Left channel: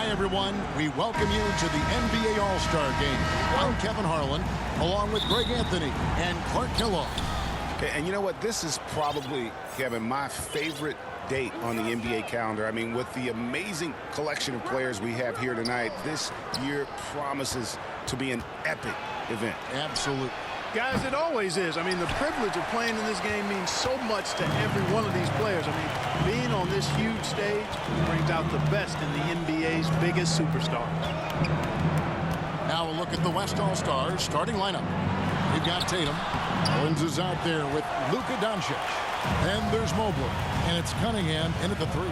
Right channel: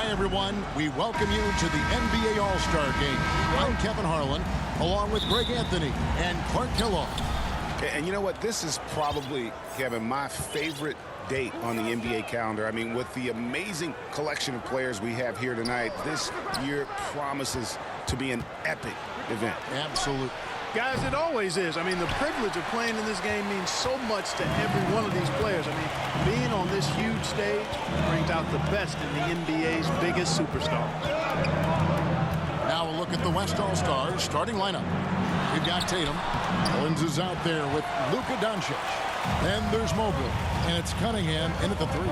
Hi, everyone. We welcome you to the NBA All-Star Game. I'm Kevin Harlan, along with Greg Anthony and Clark Kellogg. And you know what? This is probably, Kevin, my favorite date on the NBA calendar. I mean, with the amazing collection of players we have here tonight, this year promises to be an epic event. Absolutely. Guys, it always is. I mean, the privilege of playing in this game means so much to every one of these players. I mean, being on this huge stage brings out the best in the NBA's biggest superstars. Now a look at the West All-Stars starting lineup. We've got Tatum. Owens is out there with Luka Doncic. Then there's Mobley, and it's Cunningham in at the 3.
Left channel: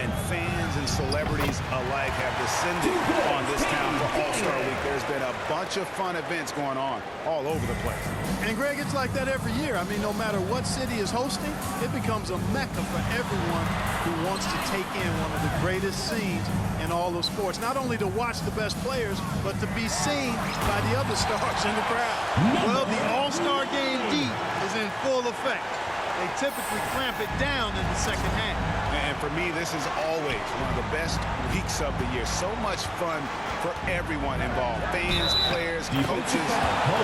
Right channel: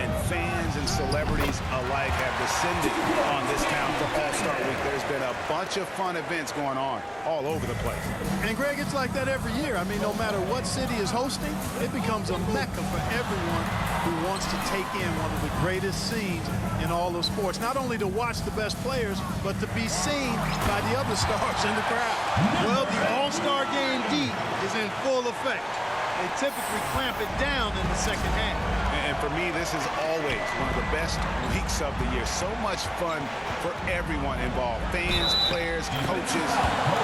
And fans and celebrities alike have descended on this town for All-Star Week. There's been a bunch of fun events going on all over the place. And, Greg, it's like that every year. I mean, no matter what city is hosting, it becomes a mecca for everyone who wants to take in one of the greatest scenes in all of sports. Not only to watch the best players, but to be seen by the other stars in the crowd. Well, the All-Star Game D is in full effect. They typically clamp it down in the second half. And for me, this is always one of the best weeks of the year. So much fun for everyone involved. Fans, players, coaches.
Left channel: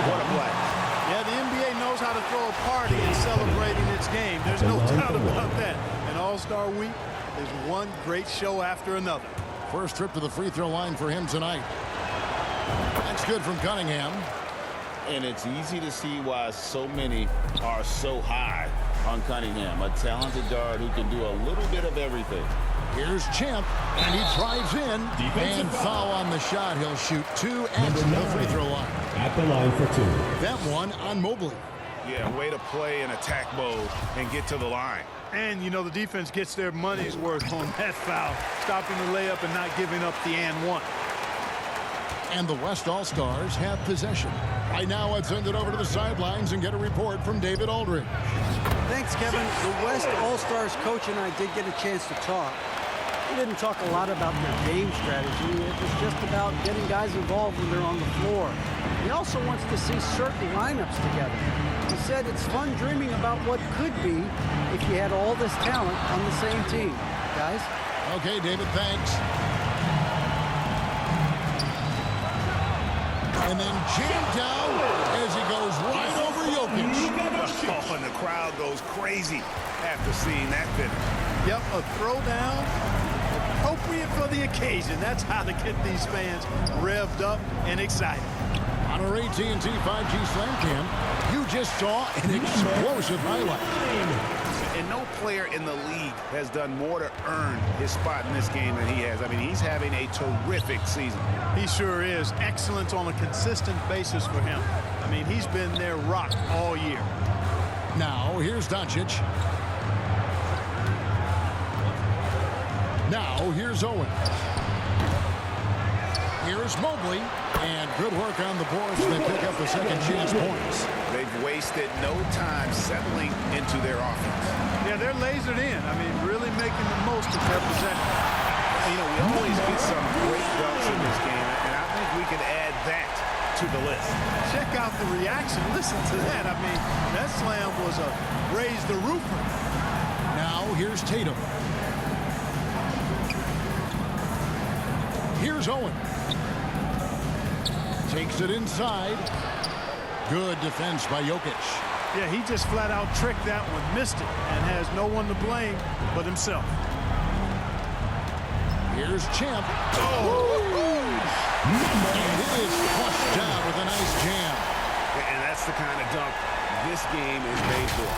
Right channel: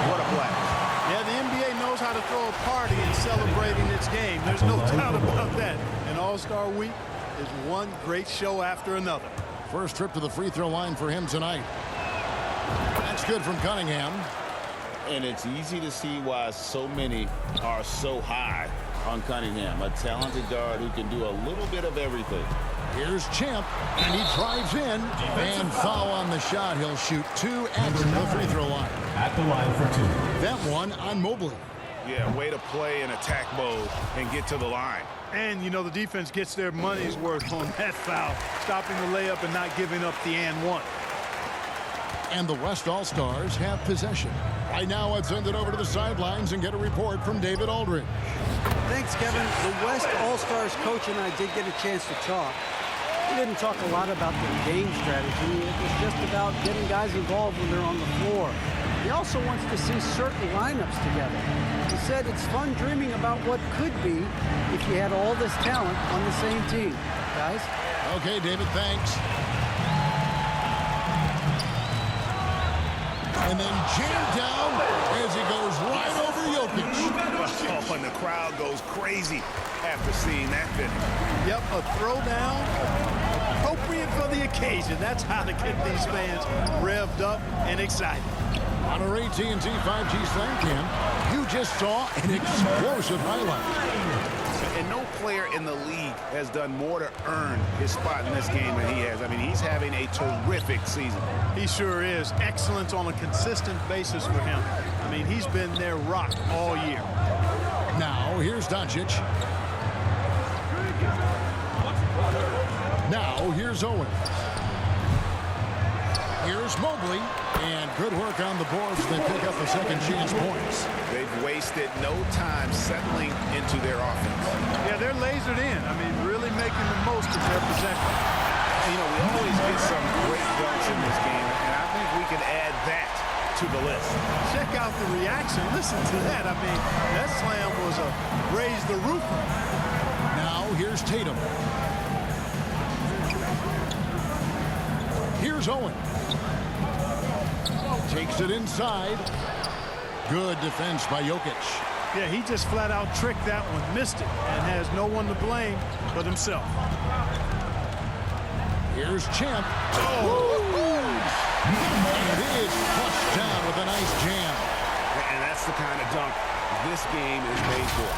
What a blast. Yeah, the NBA knows how to throw a party in celebrating its game. There's no doubt about that. And All-Star Week is one great show after another. First trip to the free throw line for him tonight. That's good from Cunningham. And it's easy to see why so many are so high on Cunningham, a talented guard who can do a little bit of everything. Here's Champ, and he drives in, and foul on the shot. He'll shoot 2 at the free throw line. At the line for 2. That one on Mobley. Yeah, way to play in attack mode and get to the line. And, you know, the defense gets their money's worth on that foul, stopping the layup and not giving up the and one. And the West All-Stars have possession. Right now, let's send it over to the sidelines and get a report from David Aldridge. Thanks, Kevin. The West All-Stars coach and I did get a chance to talk. He didn't talk a lot about their game strategy. It was just about getting guys involved when they're on the floor. He also wants to see certain lineups together. He said it's fun dreaming about what could be if you had all this talent on the same team. Guys? Okay, David, thanks. And then jammed down as he goes right over Jokic. Oh, and the crowd goes crazy after seeing that finish. Yep, a throwdown appropriate for the occasion. That's how to get these fans revved up and excited. On our AT&T 5G Slam Cam, you just saw an explosive highlight. And no player in the league has done more to earn his spot in this game than he has. I mean, he's having a terrific season. He sure is. Excellence on a consistent basis for him. I mean, he's been their rock all year. Now, here's Doncic. Now, here's Owens. Here's Mobley. And good work on the boards. They pick up the second chance points. They've wasted no time settling into their offense. Yeah, they're lasered in. I mean, really making the most of their possession. You know, we always get some great dunks in this game, and I think we can add that to the list. Check out the reaction. Listen to that. I mean, that slam was a raise the roofer. Now, here's Tatum. Here's Owens. Takes it inside. Good defense by Jokic. Yeah, he just flat out tricked that one, missed it, and has no one to blame but himself. Here's Champ. Oh! And it is flushed down with a nice jam. And that's the kind of dunk this game is made for.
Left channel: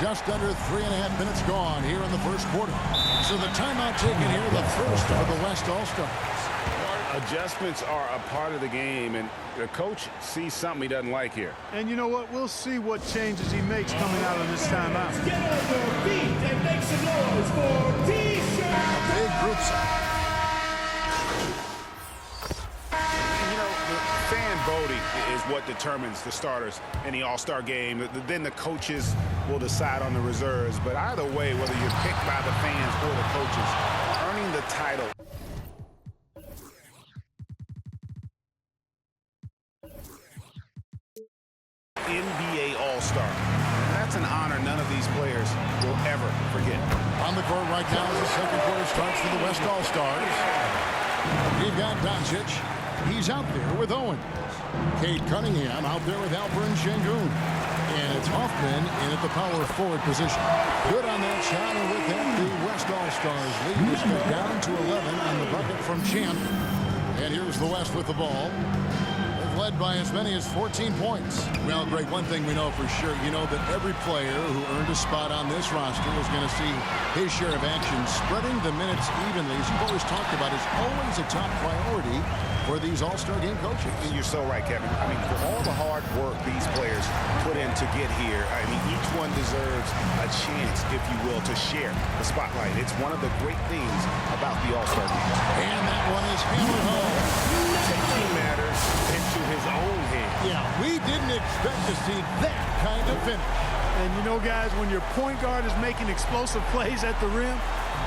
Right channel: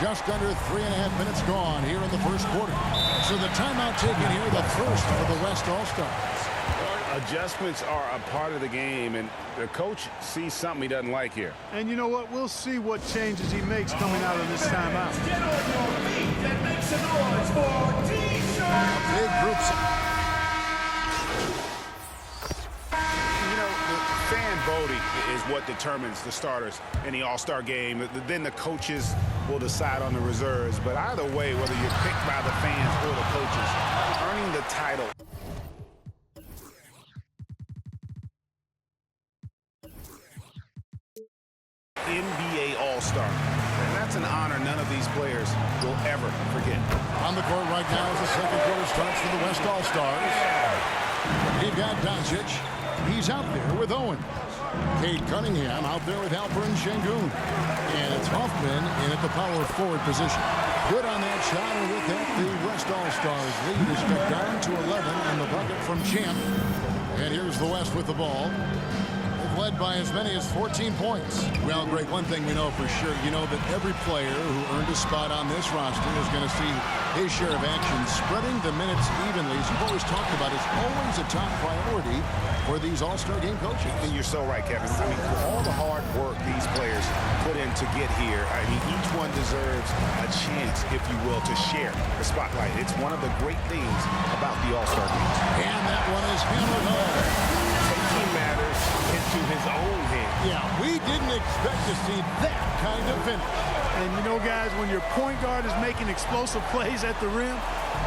Just under 3.5 minutes gone here in the first quarter. So the timeout taken here, the first for the West All-Stars. Adjustments are a part of the game, and the coach sees something he doesn't like here. And you know what? We'll see what changes he makes coming out of this timeout. Get on your feet and make some noise for T-shirt. A big group. You know, the fan voting is what determines the starters in the All-Star game. Then the coaches will decide on the reserves. But either way, whether you're picked by the fans or the coaches, earning the title NBA All-Star. And That's an honor none of these players will ever forget. On the court right now as the second quarter starts for the West All-Stars. We've got Doncic. He's out there with Owens. Cade Cunningham out there with Alperen Şengün. And it's Hoffman in at the power forward position. Good on that shot, and with that, the West All-Stars lead is cut down to 11, and the bucket from Champ. And here's the West with the ball. They've led by as many as 14 points. Well, Greg, one thing we know for sure, you know that every player who earned a spot on this roster is going to see his share of action. Spreading the minutes evenly, as you've always talked about, is always a top priority for these All-Star game coaches. And you're so right, Kevin. I mean, for all the hard work these players put in to get here, I mean, each one deserves a chance, if you will, to share the spotlight. It's one of the great things about the All-Star game. And that one is hammered home. Taking matters into his own hands. Yeah, we didn't expect to see that kind of finish. And you know, guys, when your point guard is making explosive plays at the rim,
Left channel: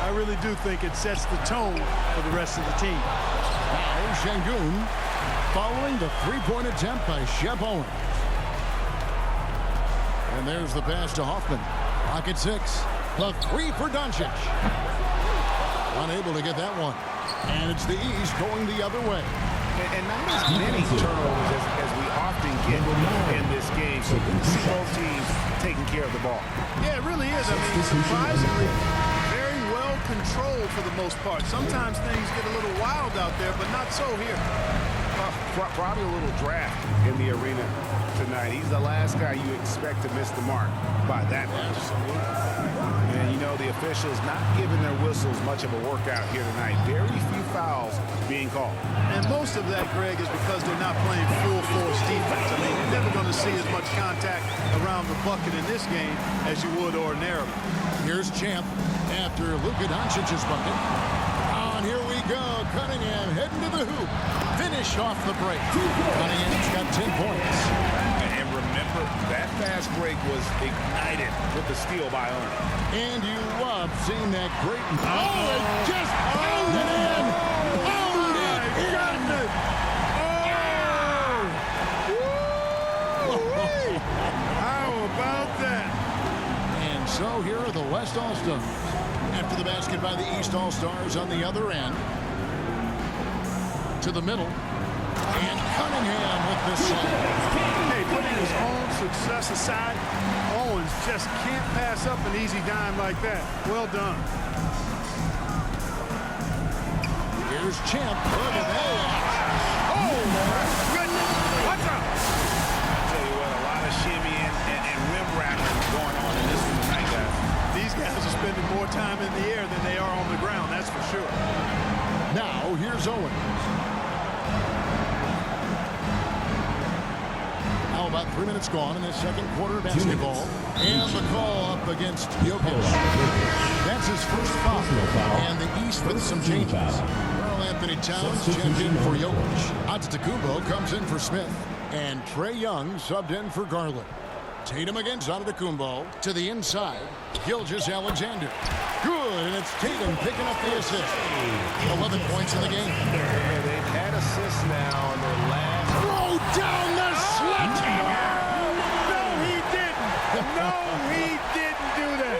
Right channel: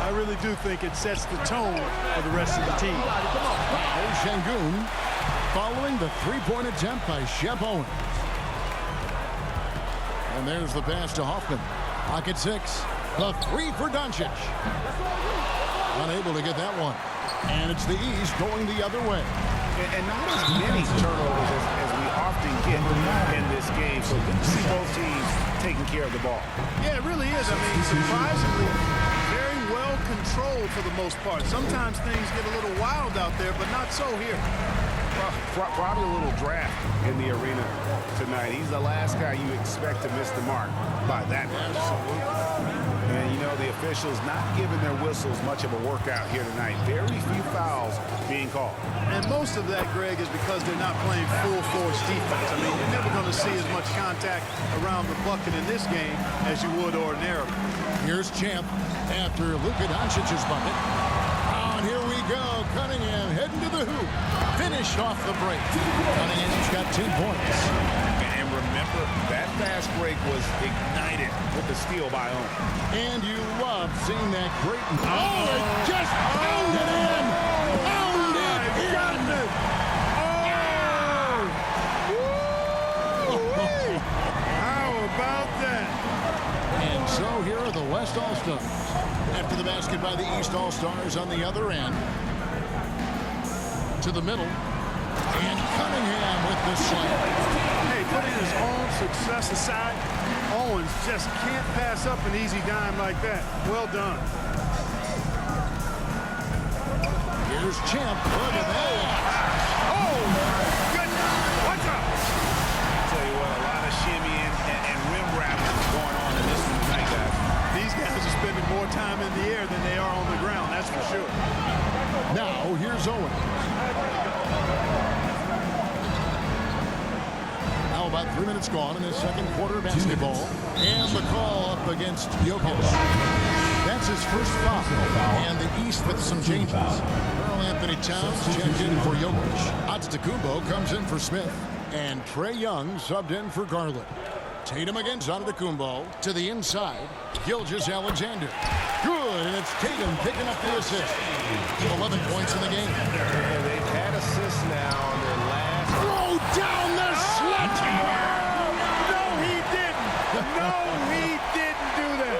I really do think it sets the tone for the rest of the team. Now, Şengün following the three-point attempt by Shep Owens. And there's the pass to Hoffman. Pocket 6. The three for Doncic. Unable to get that one. And it's the East going the other way. And not as many turnovers as we often get in this game. So good to see both teams taking care of the ball. Yeah, it really is. I mean, surprisingly, very well controlled for the most part. Sometimes things get a little wild out there, but not so here. Probably a little draft in the arena tonight. He's the last guy you expect to miss the mark by that much. Absolutely. And, you know, the officials not giving their whistles much of a workout here tonight. Very few fouls being called. And most of that, Greg, is because they're not playing full-force defense. I mean, you're never going to see as much contact around the bucket in this game as you would ordinarily. Here's Champ after Luka Doncic's bucket. And here we go. Cunningham heading to the hoop. Finish off the break. Cunningham's got 10 points. And remember, that fast break was ignited with the steal by Owens. And you love seeing that great... Oh, it just pounded in! Pounded in! Oh! How about that? And so here are the West All-Stars. After the basket by the East All-Stars on the other end. To the middle. And Cunningham with the slam. Hey, putting his own success aside, Owens just can't pass up an easy dime like that. Well done. Here's Champ. Look at that. Oh, my goodness. What's up? I tell you what, a lot of shimmying and rim rattling going on in this one tonight, guys. These guys are spending more time in the air than they are on the ground, that's for sure. Now, here's Owens. Now about 3 minutes gone in this second quarter of basketball. And the call up against Jokic. That's his first foul. And the East with some changes. Karl Anthony Towns checked in for Jokic. Antetokounmpo comes in for Smith. And Trae Young subbed in for Garland. Tatum against Antetokounmpo to the inside. Gilgeous-Alexander. Good, and it's Tatum picking up the assist. 11 points in the game. Yeah, they've had assists now on their last... Throw down the sledgehammer! No, he didn't. No, he didn't do that.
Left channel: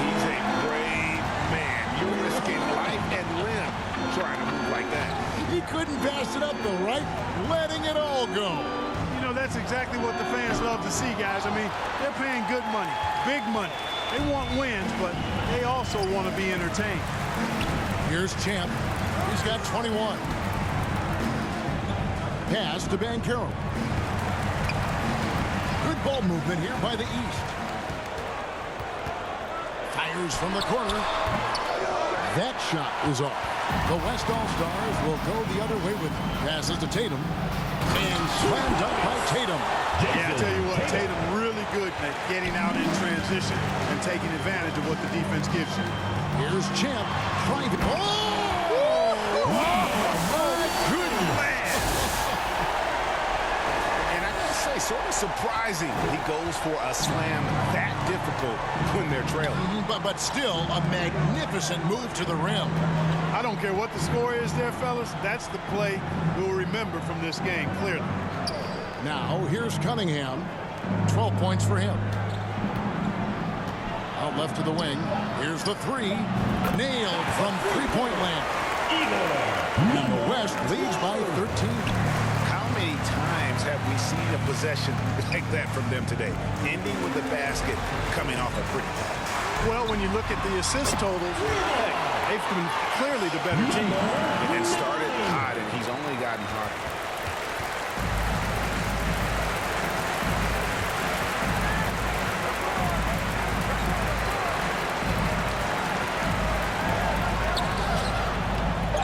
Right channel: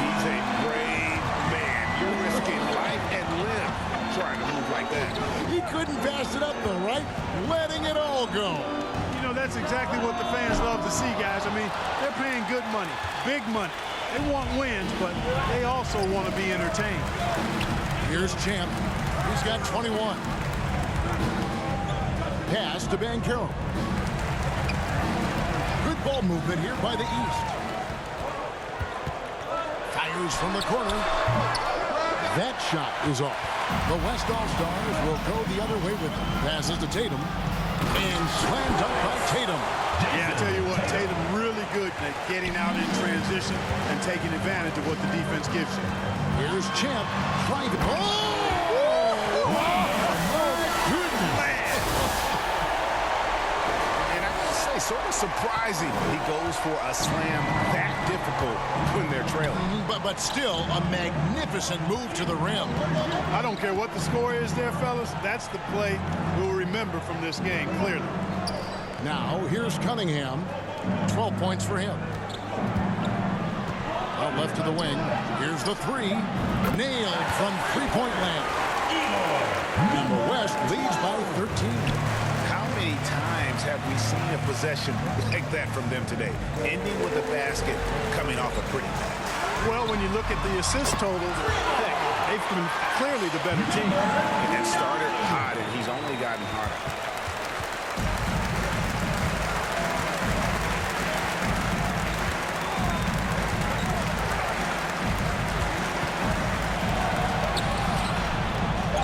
He's a brave man. You're risking life and limb trying to move like that. He couldn't pass it up the right, letting it all go. You know, that's exactly what the fans love to see, guys. I mean, they're paying good money, big money. They want wins, but they also want to be entertained. Here's Champ. He's got 21. Pass to Banchero. Good ball movement here by the East. Fires from the corner. That shot is off. The West All-Stars will go the other way with them. Passes to Tatum. And slammed up by Tatum. Yeah, I tell you what, Tatum really good at getting out in transition and taking advantage of what the defense gives you. Here's Champ. Trying to... Oh! My goodness! And I gotta say, sort of surprising he goes for a slam that difficult when they're trailing. But still, a magnificent move to the rim. I don't care what the score is there, fellas. That's the play we'll remember from this game, clearly. Now, here's Cunningham. 12 points for him. Out left to the wing. Here's the three. Nailed from three-point land. And the West leads by 13. How many times have we seen a possession like that from them today? Ending with the basket, coming off a pretty pass. Well, when you look at the assist totals, heck, they've been clearly the better team. And started hot, and he's only gotten hotter.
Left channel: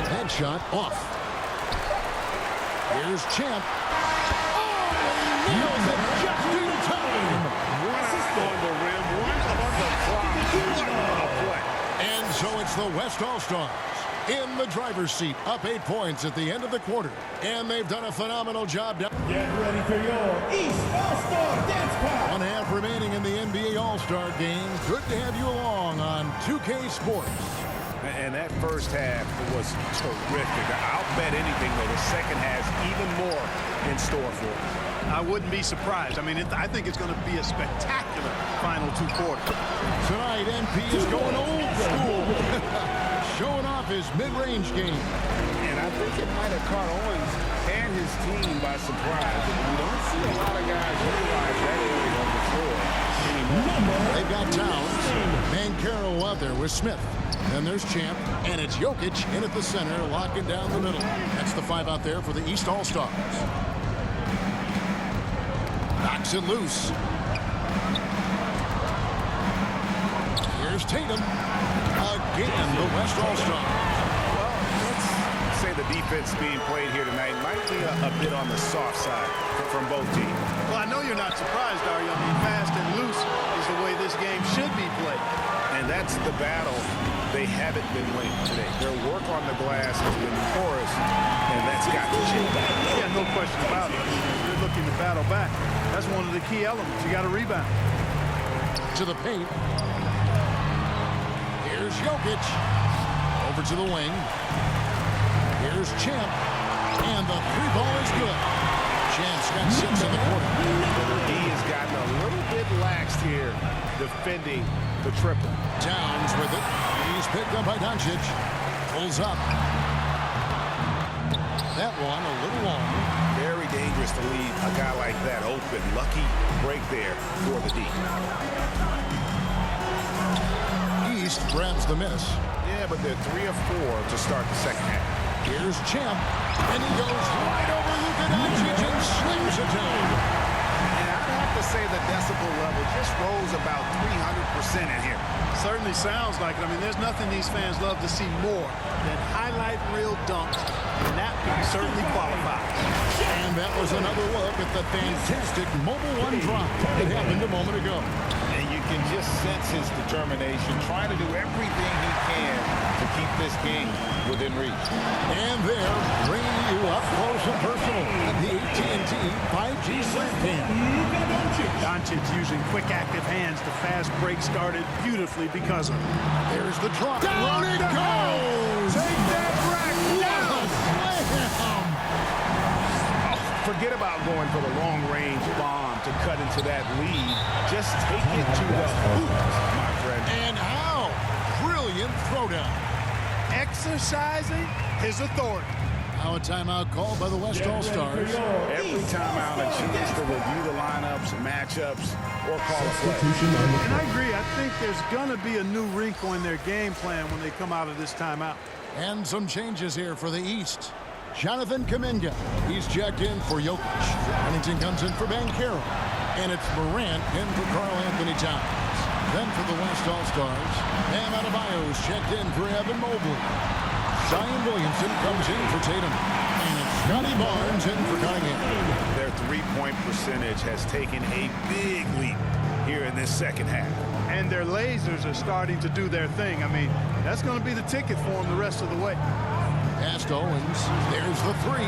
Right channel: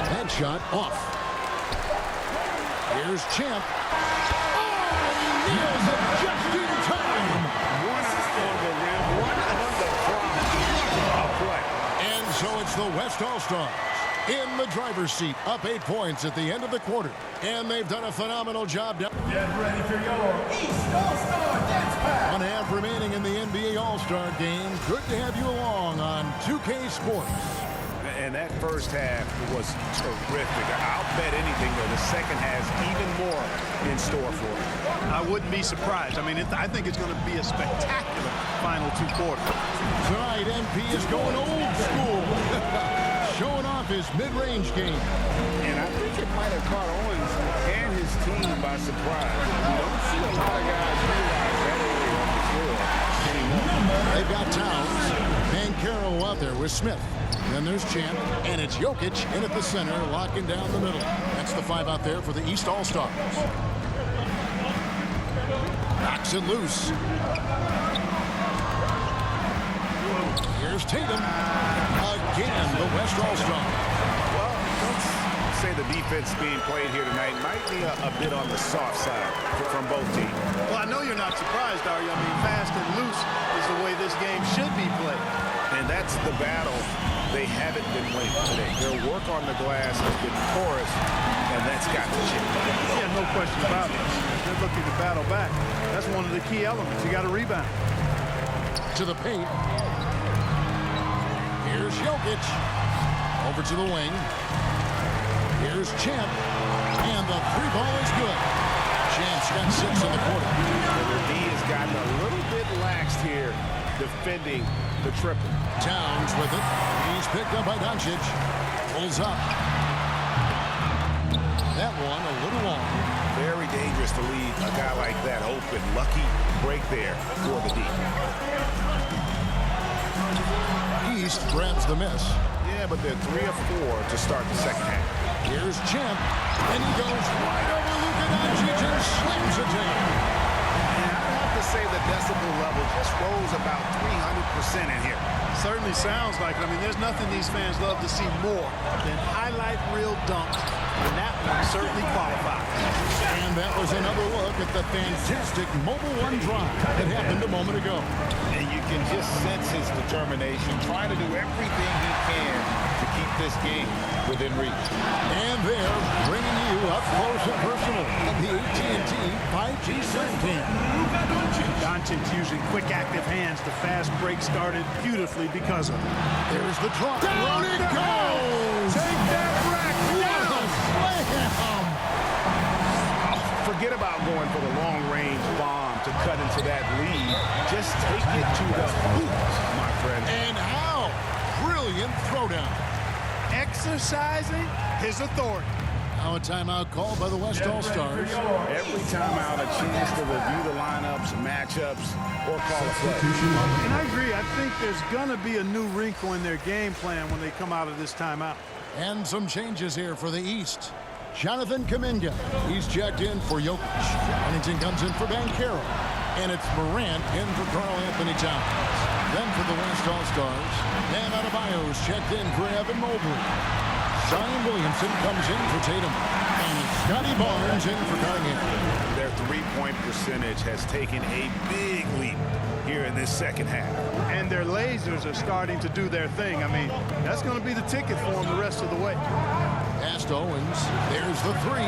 Headshot off. Here's Champ. Oh, he nails it just in time. One eye on the rim, one on the clock. What a play. And so it's the West All-Stars in the driver's seat, up 8 points at the end of the quarter. And they've done a phenomenal job. Get ready for your East All-Star Dance Pass. 1 half remaining in the NBA All-Star game. Good to have you along on 2K Sports. And that first half was terrific. I'll bet anything, though, the second has even more in store for us. I wouldn't be surprised. I mean, I think it's going to be a spectacular final 2 quarters. Tonight, MP is going old school, showing off his mid-range game. And I think it might have caught Owens and his team by surprise. We don't see a lot of guys utilize that area of the floor anymore. They've got Towns, Banchero out there with Smith. Then there's Champ, and it's Jokic in at the center, locking down the middle. That's the 5 out there for the East All-Stars. Knocks it loose. Here's Tatum. Again, the West All-Stars. Well, let's say the defense being played here tonight might be a bit on the soft side from both teams. Well, I know you're not surprised, are you? I mean, fast and loose is the way this game should be played. And that's the battle they haven't been winning today. Their work on the glass has been porous, and that's got to change. Yeah, no question about it. I mean, if they're looking to battle back, that's one of the key elements. You got to rebound. To the paint. Here's Jokic. Over to the wing. Here's Champ. And the 3 ball is good. Champ's got 6 in the quarter. And the D has gotten a little bit laxed here defending the triple. Towns with it. He's picked up by Doncic. Pulls up. That one a little long. Very dangerous to leave a guy like that open. Lucky break there for the D. East grabs the miss. Yeah, but they're 3 of 4 to start the second half. Here's Champ. And he goes right over Luka Doncic and slams it down. And I'd have to say the decibel level just rose about 300% in here. Certainly sounds like it. I mean, there's nothing these fans love to see more than highlight reel dunks, and that one certainly qualifies. And that was another look at the fantastic Mobile One drive that happened a moment ago. And you can just sense his determination, trying to do everything he can to keep this game within reach. And they're bringing you up close and personal on the AT&T 5G Slam Cam. Luka Doncic. Doncic using quick active hands. The fast break started beautifully because of it. There's the drop. Down it goes! Take that rack What a slam! Oh, forget about going for the long-range bomb to cut into that lead. Just take it to the hoop, my friend. And how? Brilliant throwdown. Exercising his authority. Now a timeout called by the West All-Stars. Every time out, a chance to review the lineups, matchups, or call a play. And I agree. I think there's going to be a new wrinkle in their game plan when they come out of this timeout. And some changes here for the East. Jonathan Kuminga. He's checked in for Jokic. Huntington comes in for Banchero. And it's Morant in for Karl Anthony Towns. Then for the West All-Stars, Bam Adebayo's checked in for Evan Mobley. Zion Williamson comes in for Tatum. And it's Scotty Barnes in for Cunningham. Their three-point percentage has taken a big leap here in this second half. And their lasers are starting to do their thing. I mean, that's going to be the ticket for them the rest of the way. Past Owens. There's the 3.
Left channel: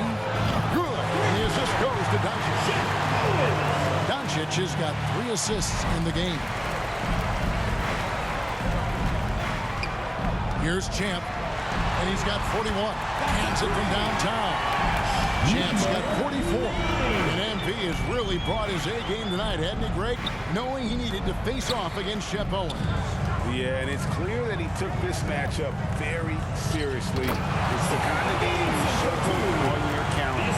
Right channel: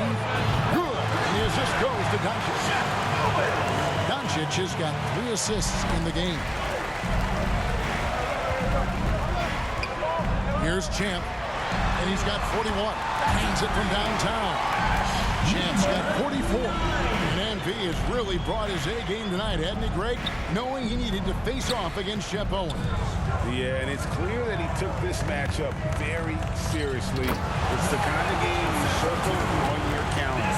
Good. And the assist goes to Doncic. Doncic has got 3 assists in the game. Here's Champ. And he's got 41. Hands it from downtown. Champ's got 44. And MP has really brought his A game tonight, hadn't he, Greg? Knowing he needed to face off against Shep Owens. Yeah, and it's clear that he took this matchup very seriously. It's the kind of game you circle on your calendar.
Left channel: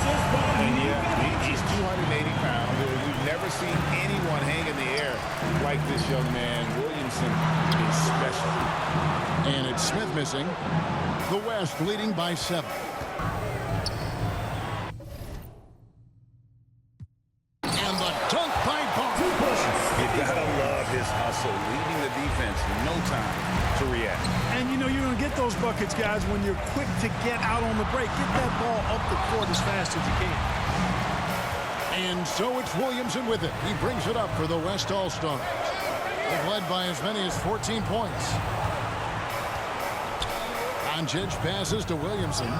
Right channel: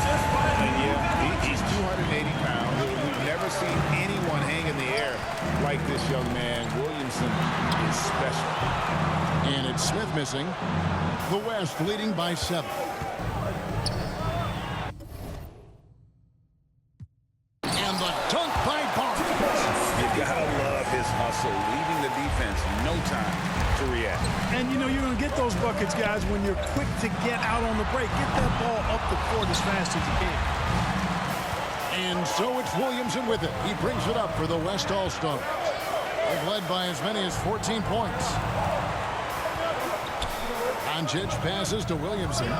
And yeah, he's 280 pounds. We've never seen anyone hang in the air like this young man. Williamson is special. And it's Smith missing. The West leading by 7. And the dunk by Barnes. You gotta love his hustle, leaving the defense no time to react. And, you know, you're going to get those buckets, guys, when you're quick to get out on the break. Get that ball up the court as fast as you can. And so it's Williamson with it. He brings it up for the West All-Stars. They've led by as many as 14 points. Doncic passes to Williamson.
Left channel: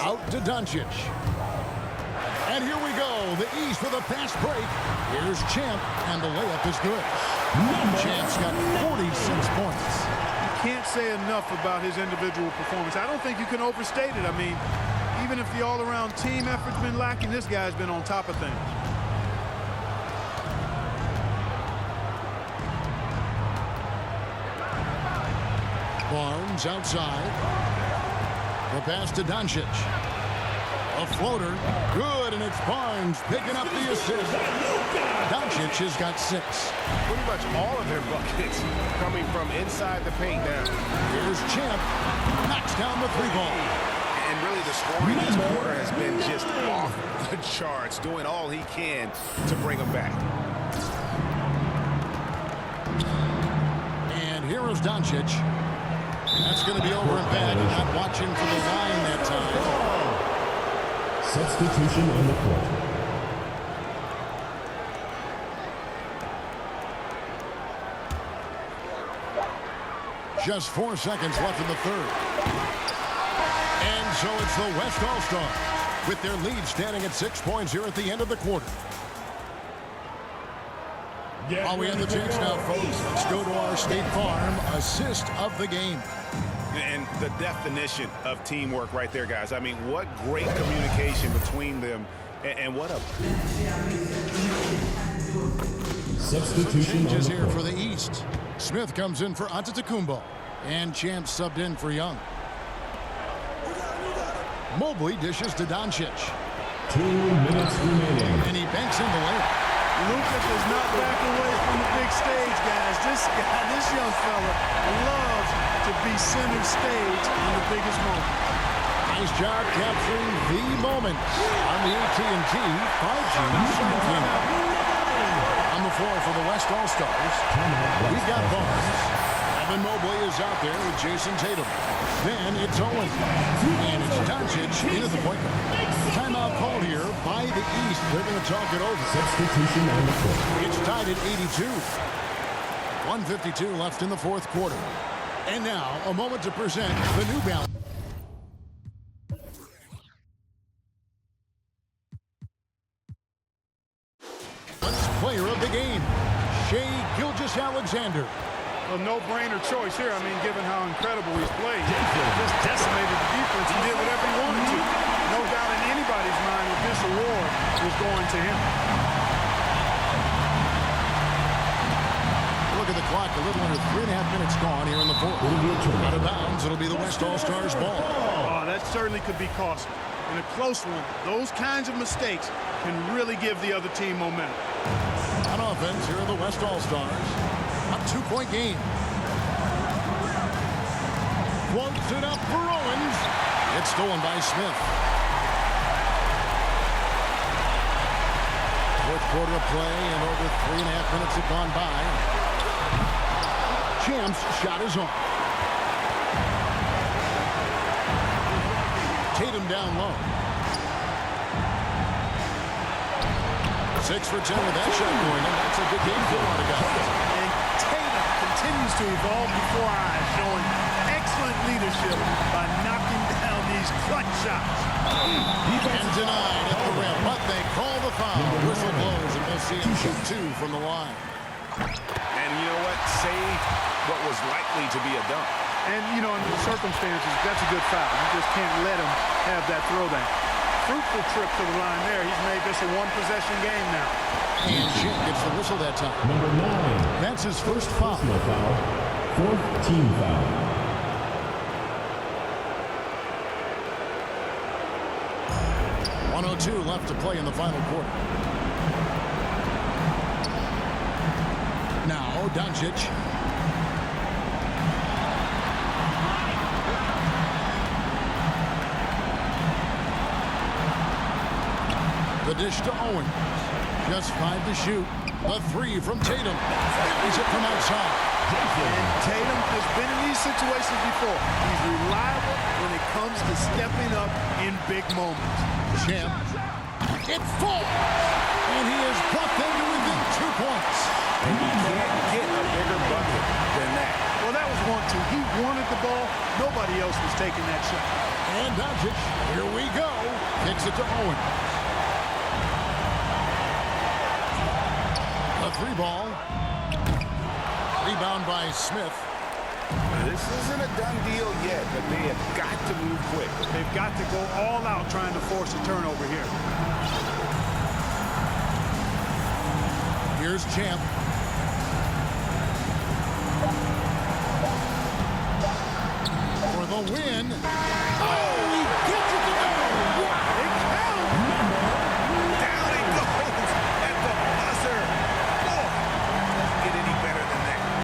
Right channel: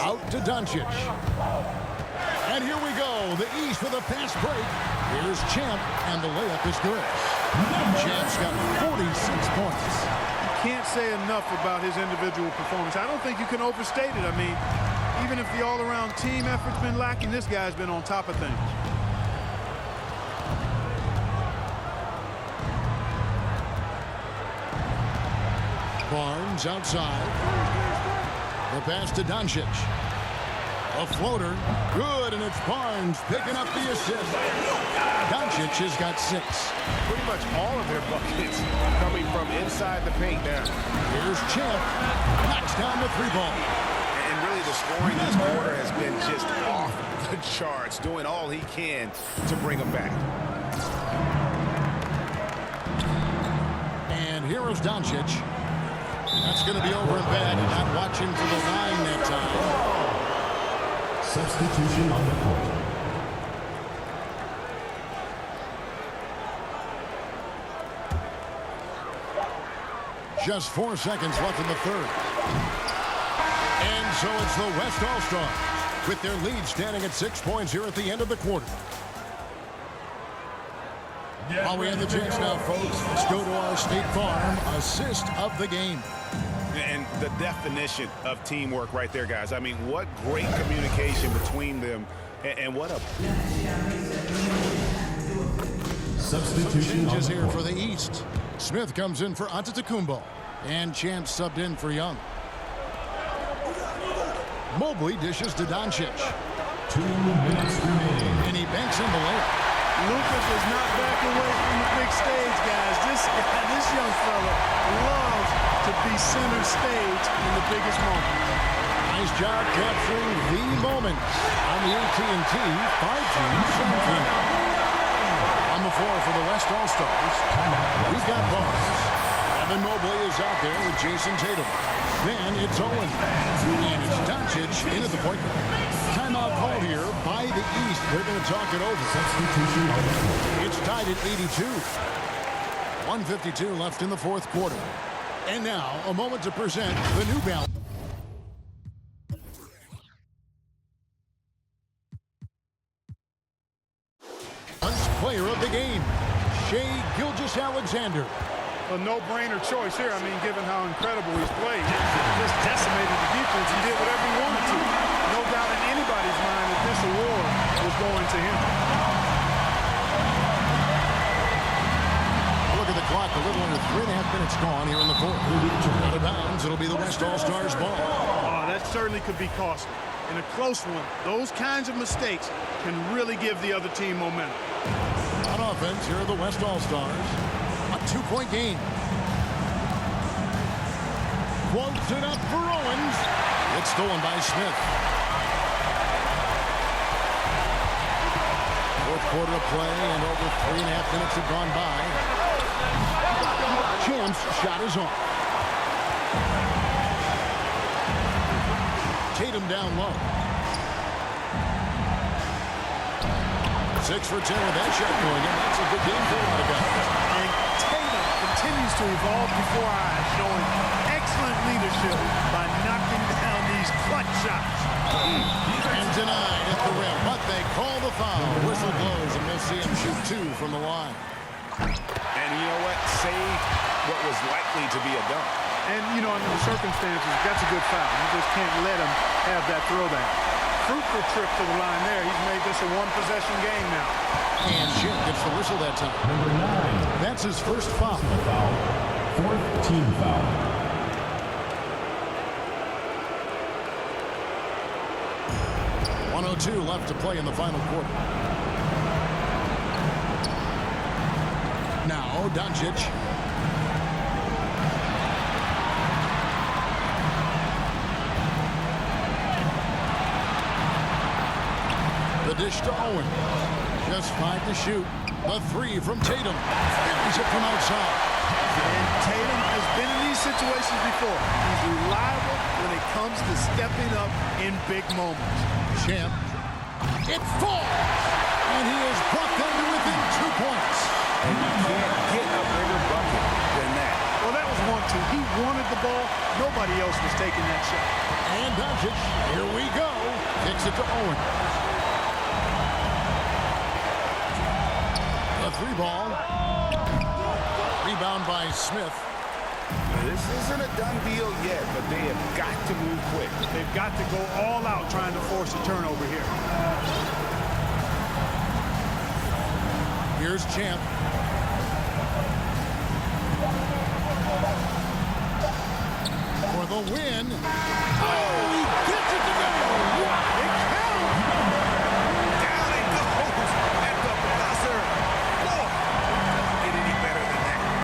Out to Doncic. And here we go. The East with a fast break. Here's Champ, and the layup is good. Champ's got 46 points. You can't say enough about his individual performance. I don't think you can overstate it. I mean, even if the all-around team effort's been lacking, this guy's been on top of things. Barnes outside. The pass to Doncic. A floater. Good, and it's Barnes picking up the assist. Doncic has got 6. Pretty much all of their buckets coming from inside the paint now. Here's Champ. Knocks down the 3-ball. And really the scoring this quarter has been just off the charts, doing all he can to bring them back. And here is Doncic. That's going to be over and back. Not watching for the line that time. Substitution on the court. Just 4 seconds left in the third. And so it's the West All-Stars with their lead standing at 6 points here at the end of the quarter. While we have the chance now, folks, let's go to our State Farm assist of the game. And the definition of teamwork right there, guys. I mean, what great communication between them, and what a... Substitution Some changes on the here court. for the East. Smith comes in for Antetokounmpo, and Champ subbed in for Young. Mobley dishes to Doncic. 2 minutes remaining. And he banks in the layup. Luka does not back away from the big stage, guys. This young fella loves to be center stage in the biggest moments. Nice job capturing the moments on the AT&T 5G Slam Team. On the floor for the West All-Stars, we've got Barnes. Evan Mobley is out there with Jason Tatum. Then it's Owens. And it's Doncic in at the point guard. Timeout called here by the East. They're going to talk it over. Substitution on the court. It's tied at 82. 1:52 left in the fourth quarter. And now, a moment to present the New Balance. Player of the game, Shai Gilgeous-Alexander. A no-brainer choice here. I mean, given how incredible he's played. Just decimated the defense and did whatever he wanted to. No doubt in anybody's mind that this award was going to him. Look at the clock. A little under 3.5 minutes gone here in the fourth. Out of bounds. It'll be the West All-Stars ball. Oh, that certainly could be costly. In a close one, those kinds of mistakes can really give the other team momentum. On offense, here are the West All-Stars. A 2-point game. Quotes it up for Owens. It's stolen by Smith. Fourth quarter of play, and over 3.5 minutes have gone by. Champ's shot is off. Tatum down low. 6 for 10 with that shot going in. That's a good game for a lot of guys. And Tatum continues to evolve before our eyes, showing excellent leadership by knocking down these clutch shots. And denied at the rim, but they call the foul. Whistle blows, and we'll see him shoot 2 from the line. And you know what? Saved what was likely to be a dunk. And, you know, under the circumstances, that's a good foul. You just can't let him have that throwdown. Fruitful trip to the line there. He's made this a one-possession game now. And Jim gets the whistle that time. Number 9. That's his first foul. Personal foul. 4th team foul. .102 left to play in the final quarter. Now Doncic. The dish to Owens. Just 5 to shoot. The 3 from Tatum. Buries it from outside. And Tatum has been in these situations before. He's reliable when it comes to stepping up in big moments. Champ. It falls. And he has brought them to within 2 points. And you can't get a bigger bucket than that. Well, that was 1-2. He wanted the ball. Nobody else was taking that shot. And Doncic, here we go. Kicks it to Owens. The 3 ball. Rebound by Smith. This isn't a done deal yet, but they have got to move quick. They've got to go all out trying to force a turnover here. Here's Champ. For the win. Oh, he gets it to go. Wow.